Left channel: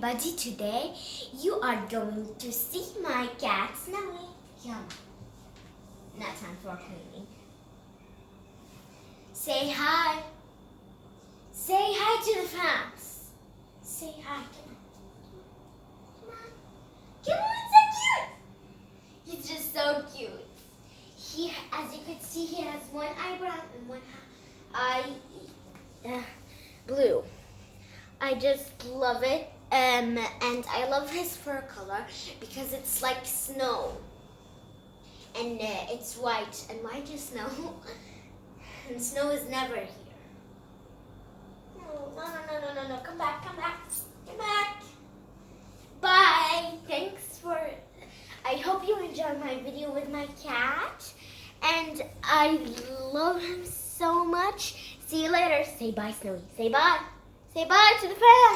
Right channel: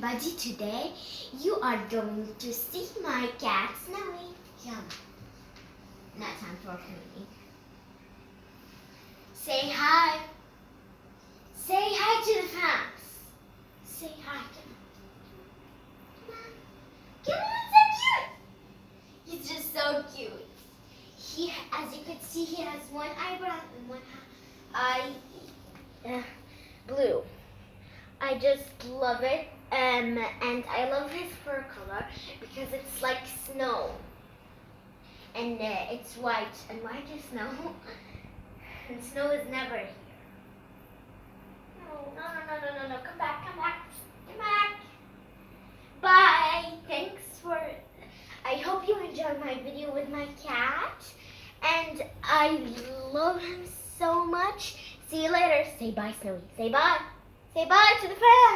everybody, today you are going to see my cat Snowy. Yum. Now time for cleaning. Say hi. Say hi to the fans. Say hi to them. Come on, so cute. He's just so cute. He, as you can see, he has one eyebrow and one eye blue. I just love it, and I love his fur color because it's like snow, and it's white, and white is snow, and snow is never here. No, come back. Bye. Thanks for, I hope you enjoyed my video with my cat, and I love him so much. See you later. Say bye, Snowy. Say bye. Say bye to the fans.